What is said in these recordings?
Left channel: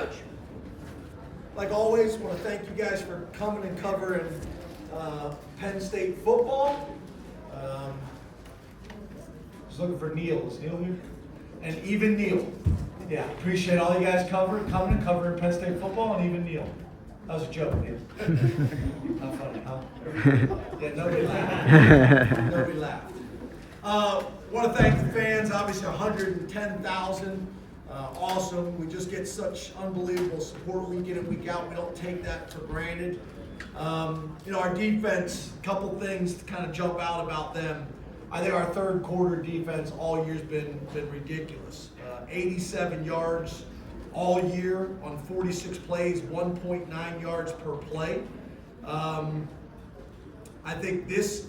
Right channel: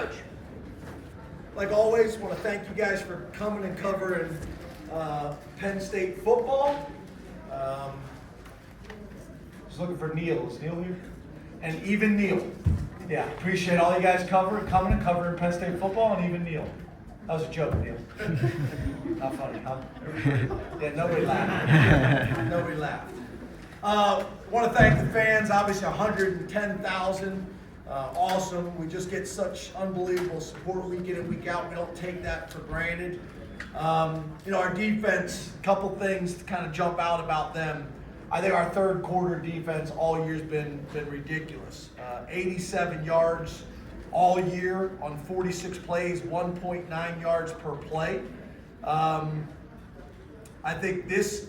Coach. Like always, want to thank you guys for coming and covering Penn State football. Just looking for Neil. Is Neil here? And even Neil. Yeah, appreciate all you guys coming and covering Penn State football, and even Neil. That was a joke, Neil. Not funny, huh? Yeah, nobody laughed. Nobody laughed. Want to thank the fans. Obviously, 110,000. Awesome. We just get such unbelievable support week in and week out. We don't take that for granted. Our defense, a couple things to kind of jump out about them. I think our third quarter defense all year's been ridiculous. 87 yards all year on 46 plays, 1.9 yards per play. I think this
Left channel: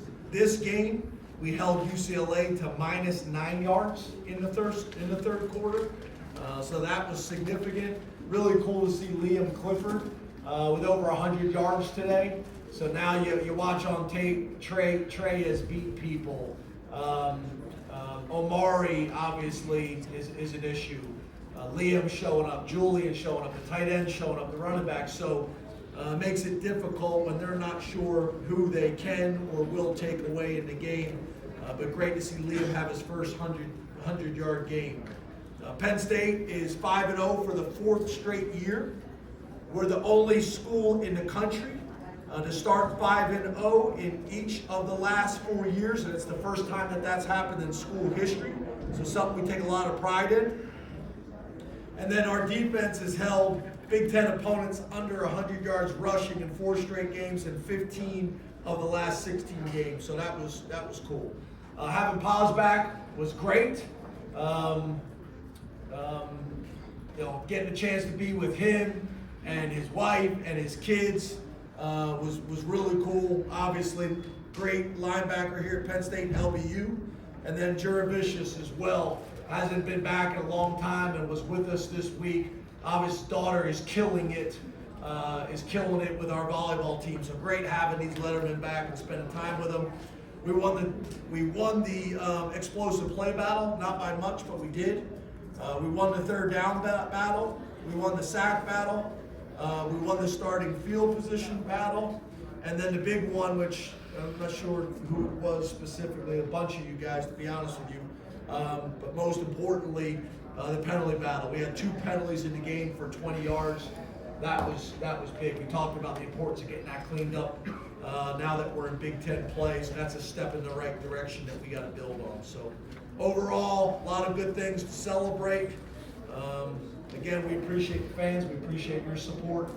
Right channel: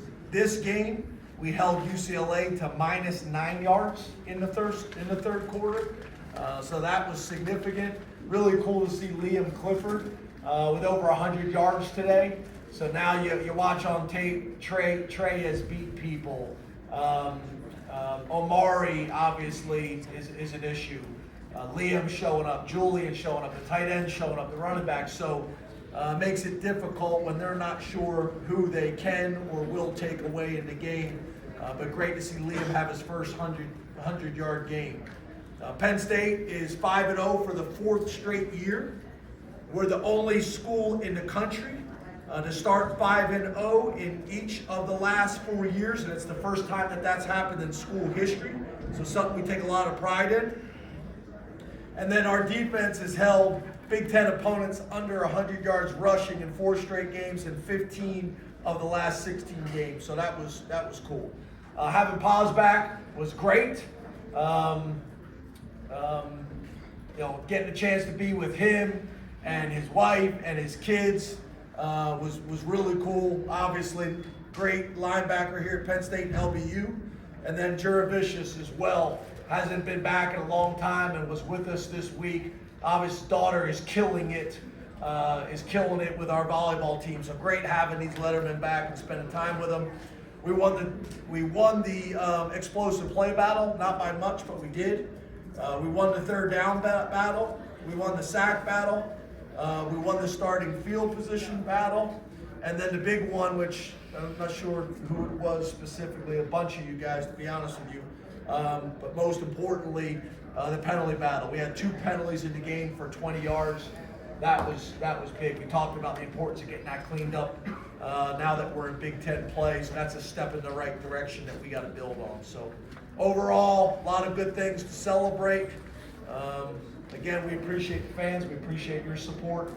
game we held UCLA to -9 yards in the third quarter. So that was significant. Really cool to see Liam Clifford with over 100 yards today. So now you watch on tape, Trey has beat people. Omari obviously is an issue. Liam showing up, Julian showing up, the tight end showing up, the running back. So makes it difficult when they're not sure who they can or will take away in the game. But great to see Liam have his first 100-yard game. Penn State is 5-0 for the fourth straight year. We're the only school in the country to start 5-0 in each of the last 4 years, and it's the first time that's happened in school history. So something we take a lot of pride in. And then our defense has held Big Ten opponents under 100 yards rushing in 4 straight games and 15 of the last 16 games. So that was cool. Having Paz back was great. Getting a chance to be with him and his wife and his kids was really cool. Obviously, great linebacker here at Penn State and LBU. And then Juravicius as well. Hasn't been back in a long time and was with us this week. His daughter is killing it with our volleyball team. So great having these lettermen back and spending time with them. We won the explosive play battle, not by much, but we did. We won the third down battle. We won the sack battle. We won the starting field position battle. And then the big one, which I'm not sure who it was specifically, a bunch of you guys, to be honest with you. But most importantly, the penalty battle. We had 2 penalties in the game for 20 yards. That was big. We talked about the importance of getting that cleaned up now that we're in Big Ten play. So that's a step in the right direction that we got to build on. So overall, a lot of good things to celebrate. Again, we appreciate the fans. We appreciate your support.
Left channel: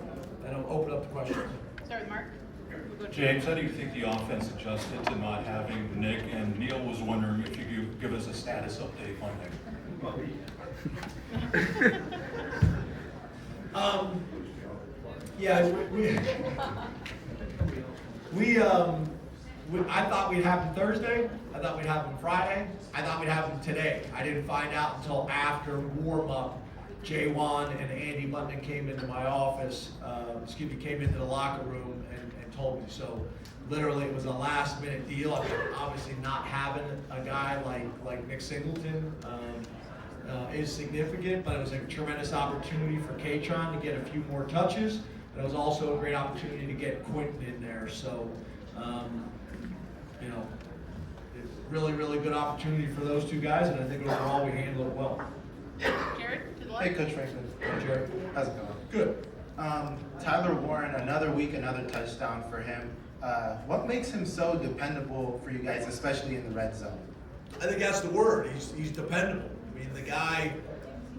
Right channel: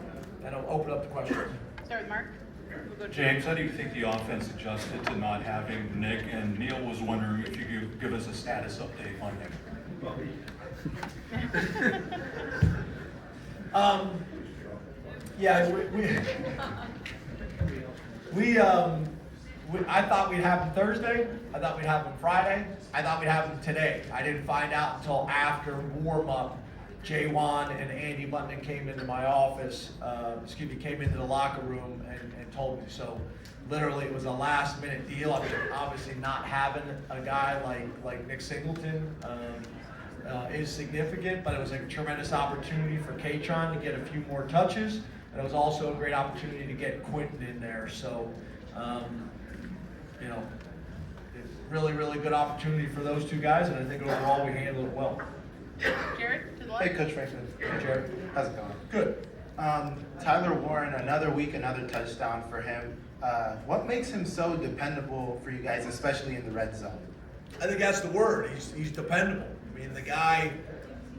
And I'll open up the questions. Start with Mark. We'll go James, how do you think the offense adjusted to not having Nick? And Neil was wondering if you could give us a status update on him. I thought we'd have him Thursday. I thought we'd have him Friday. I thought we'd have him today. I didn't find out until after warm-up. Jay Wan and Andy Button came into my office, came into the locker room and told me. So literally it was a last-minute deal. I mean, obviously not having a guy like Nick Singleton is significant, but it was a tremendous opportunity for Katron to get a few more touches. And it was also a great opportunity to get Quentin in there. So, really, really good opportunity for those 2 guys, and I think overall we handled it well. Jared, to the left. Hey, Coach Franklin. Hey, Jared. How's it going? Good. Tyler Warren, another week, another touchdown for him. What makes him so dependable for you guys, especially in the red zone? I think that's the word. He's dependable. I mean, the guy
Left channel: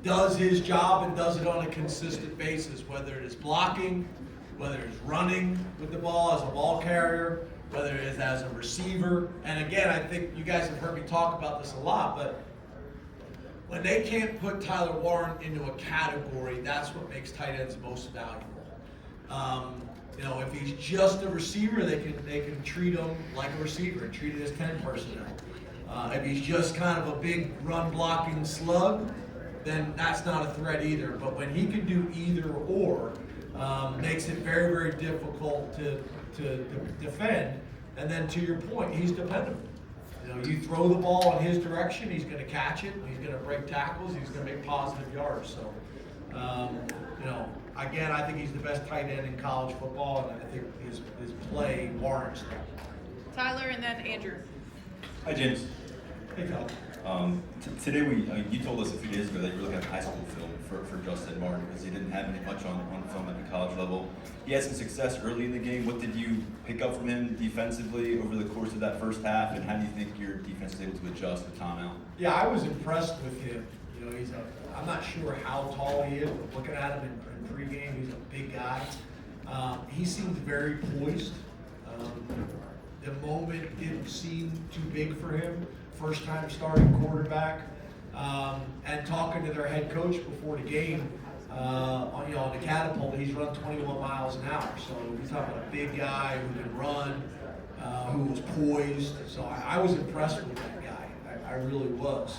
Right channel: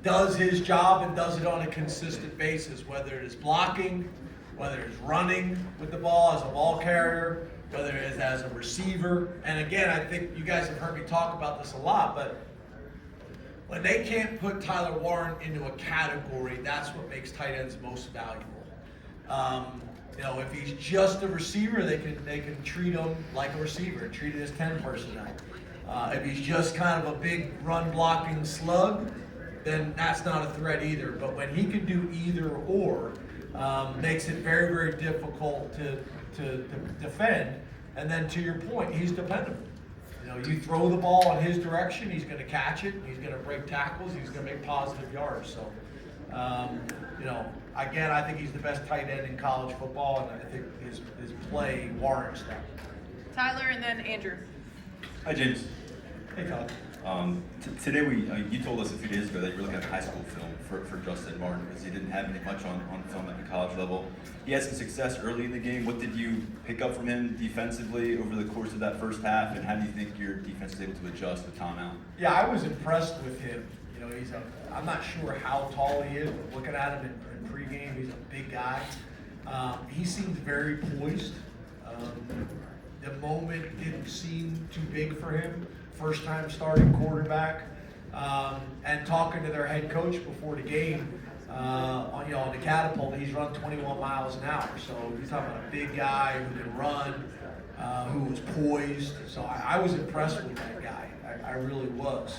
does his job and does it on a consistent basis, whether it is blocking, whether it's running with the ball as a ball carrier, whether it is as a receiver. And again, I think you guys have heard me talk about this a lot, but when they can't put Tyler Warren into a category, that's what makes tight ends most valuable. If he's just a receiver, they can treat him like a receiver and treat it as 10 personnel. If he's just kind of a big run blocking slug, then that's not a threat either. But when he can do either or, makes it very, very difficult to defend. And then to your point, he's dependable. You throw the ball in his direction, he's going to catch it, he's going to break tackles, he's going to make positive yards. So You know, again, I think he's the best tight end in college football, and I think his play warrants that. Tyler and then Andrew. Hi, James. Hey, Todd. Today you told us a few days ago that you were looking at high school film for Justin Martin because he didn't have any much on film at the college level. He had some success early in the game. What did you pick up from him defensively over the course of that first half, and how do you think your defense is able to adjust with Tom out? Yeah, I was impressed with him. You know, I'm not sure how tall he is, but looking at him in pregame, he's a big guy. He seemed very poised. The moment didn't seem too big for him. First time starting quarterback. And talking to their head coach before the game, on the catapult, he's run 21 miles an hour. So he's talking about a big guy who can run, who was poised. So I was impressed with that guy. I really was.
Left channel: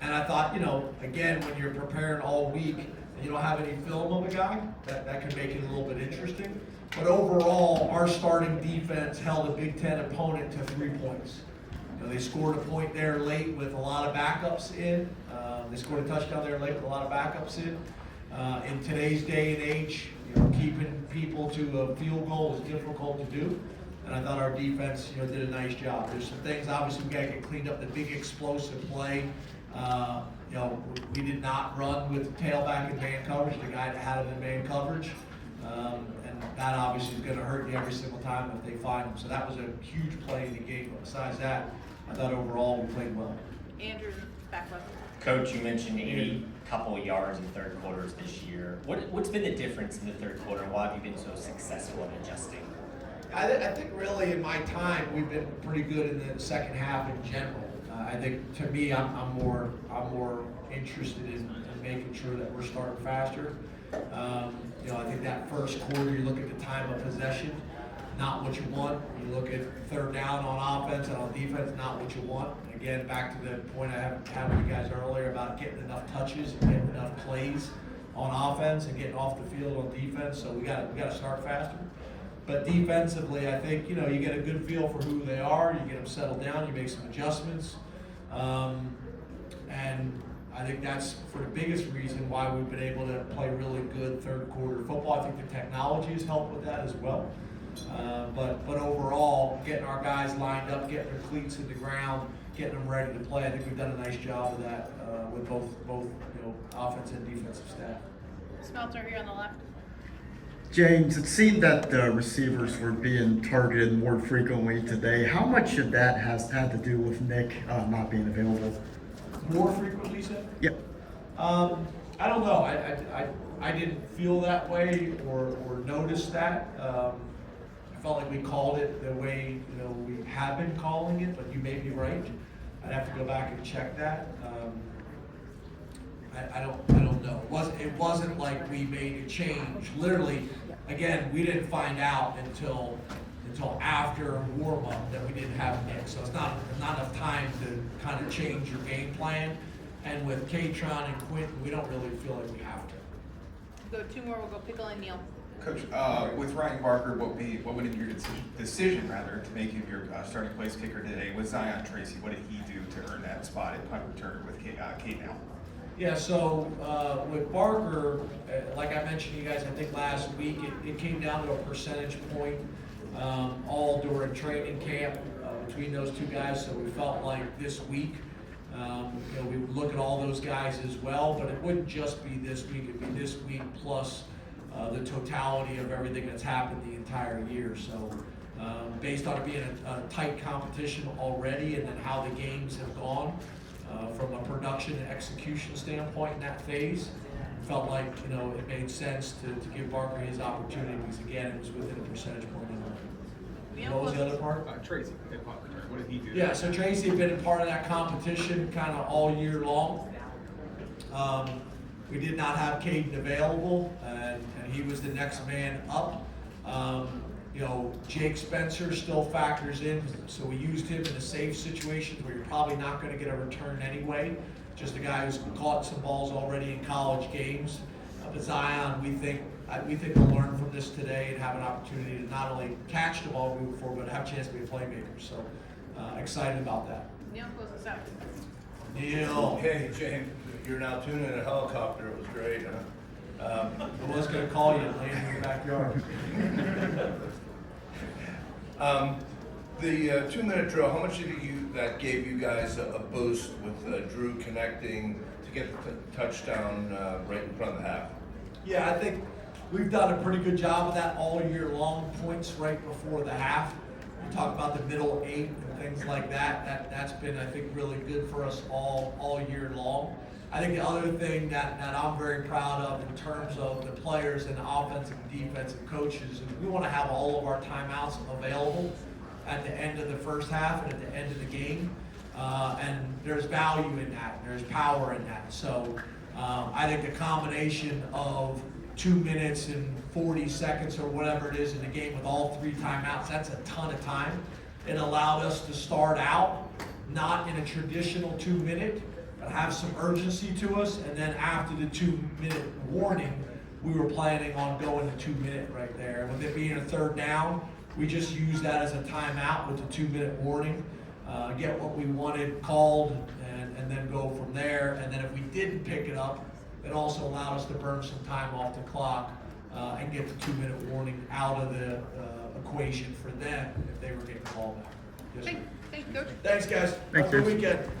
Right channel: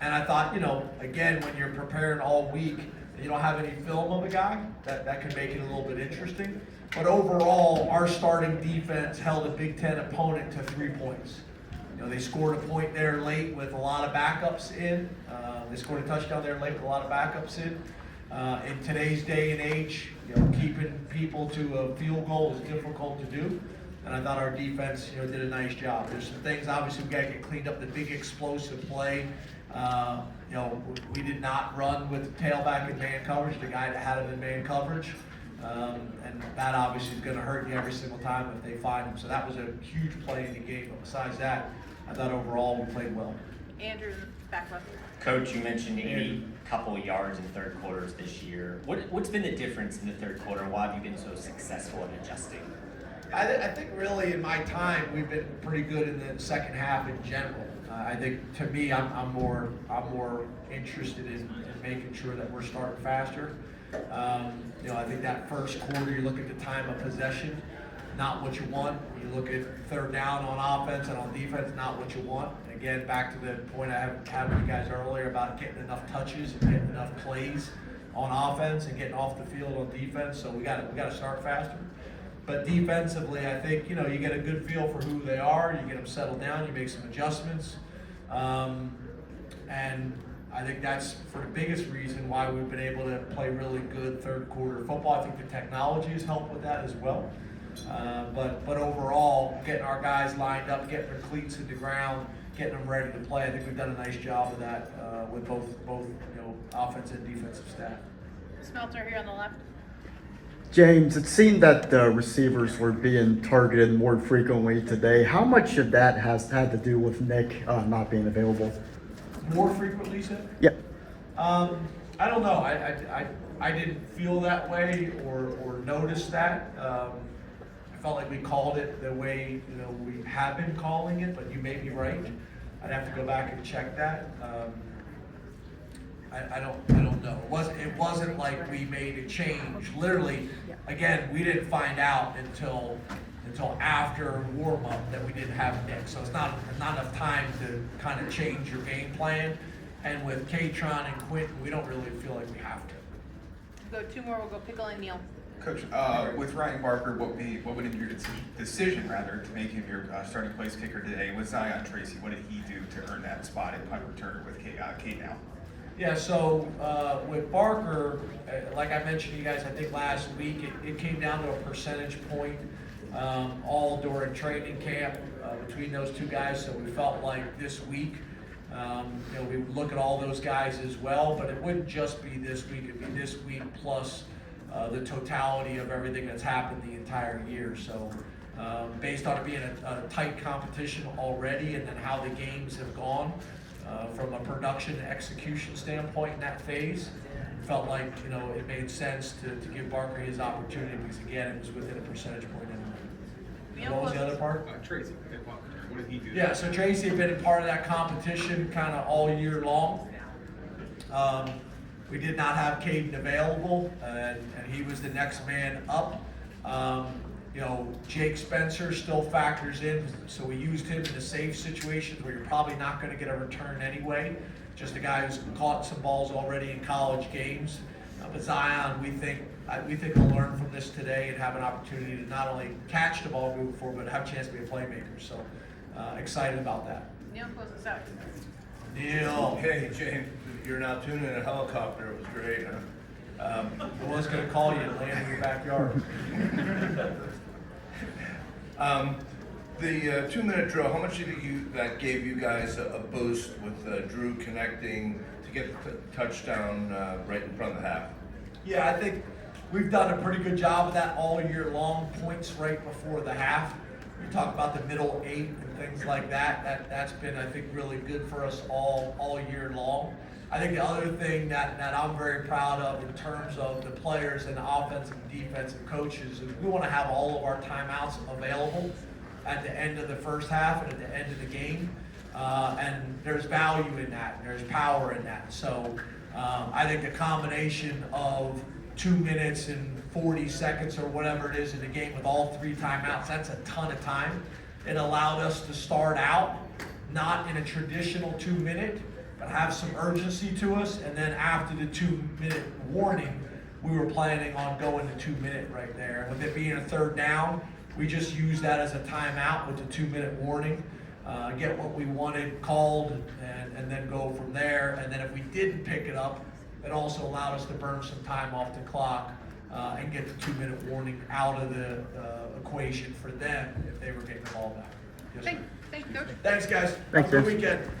And I thought, again, when you're preparing all week, and you don't have any film of a guy, that can make it a little bit interesting. But overall, our starting defense held a Big Ten opponent to 3 points. They scored a point there late with a lot of backups in. They scored a touchdown there late with a lot of backups in. In today's day and age, keeping people to a field goal is difficult to do. And I thought our defense, did a nice job. There's some things obviously we got to get cleaned up. The big explosive play. We did not run with the tailback in man coverage. The guy that had him in man coverage. And that obviously is going to hurt you every single time if they find him. So that was a huge play in the game. But besides that, I thought overall we played well. Andrew, back left. Coach, you mentioned 80 couple yards in third quarters this year. What's been the difference in the third quarter? Why have you been so successful in adjusting? I think really in my time we've been pretty good in the second half in general. I think to me I'm more interested in making sure that we're starting faster. I think that first quarter you look at the time of possession, not what you want. You look at third down on offense and on defense, not what you want. Again, back to the point I had with you guys earlier about getting enough touches and getting enough plays on offense and getting off the field on defense. So we got to start faster. But defensively, I think you get a good feel for who they are. You get them settled down. You make some adjustments, and I think that's for the biggest reason why we've been able to play really good third quarter football. I think the technology has helped with that as well. But overall, getting our guys lined up, getting their cleats in the ground, getting them ready to play, I think we've done a nice job of that with both offense and defensive staff. Smeltzer here on the left. James, it seemed that the receivers were being targeted more frequently today. How much of that has had to do with Nick not being available? More frequently, said? Yep. I don't know. I didn't feel that way or notice that. I felt like we called it the way we have been calling it, but you may be right. I'd have to go back and check that. I don't know. It wasn't like we made a change. Literally, again, we didn't find out until after warm up that we didn't have Nick. So it's not enough time to kind of change your game plan. And with Katron and Quinton, we don't really feel like we have to. We'll go two more. We'll go Pickle and Neal. Coach, with Ryan Barker, what went into your decision to make him your starting place kicker today? With Zion Tracy, what did he do to earn that spot at punt return with Kate now? Yeah, so with Barker, like I mentioned to you guys, I think last week, it came down to a percentage point all during training camp between those two guys. So we felt like this week, we would look at all those guys as well, but it wouldn't just be this week. It'd be this week plus the totality of everything that's happened the entire year. So based on it being a tight competition already and then how the games have gone, from a production and execution standpoint in that phase, felt like it made sense to give Barker his opportunity because again it was within a percentage point. What was the other part? Tracy, what did he do? Yeah, so Tracy had been a part of that competition kind of all year long. We did not have Caden available, and he was the next man up. Jake Spencer still factors in, so we used him in a safe situation where you're probably not going to get a return anyway. Just a guy who's caught some balls already in college games. But Zion, we think we'll learn from this today and have an opportunity to not only catch the ball moving forward, but have a chance to be a playmaker. So excited about that. Neal, close us out. Neil. Okay, James, you're now tuning in a helicopter, it was great. I was gonna call you and land in your backyard. The 2-minute drill, how much did that gave you guys a boost with Drew connecting to get the touchdown right in front of the half? Yeah, I think we've done a pretty good job of that all year long, points right before the half. We talk about the middle 8 and things like that. That's been, I think, really good for us all year long. I think the other thing that I'm very proud of in terms of the players and the offensive and defensive coaches is we want to have all of our timeouts available at the end of the first half and at the end of the game. And there's value in that, and there's power in that. So I think the combination of 2 minutes and 40 seconds or whatever it is in the game with all 3 timeouts, that's a ton of time. It allowed us to start out not in a traditional 2-minute, but have some urgency to us. And then after the 2-minute warning, we were planning on going to 2-minute right there. And with it being a 3rd down, we just used that as a timeout with the 2-minute warning, get what we wanted called, and then go from there. And then if we didn't pick it up, it also allowed us to burn some time off the clock and get the 2-minute warning out of the equation for them if they were getting the ball back. Yes, sir. Thank you, Coach. Thanks, guys. Thanks, Have a good Vince. weekend.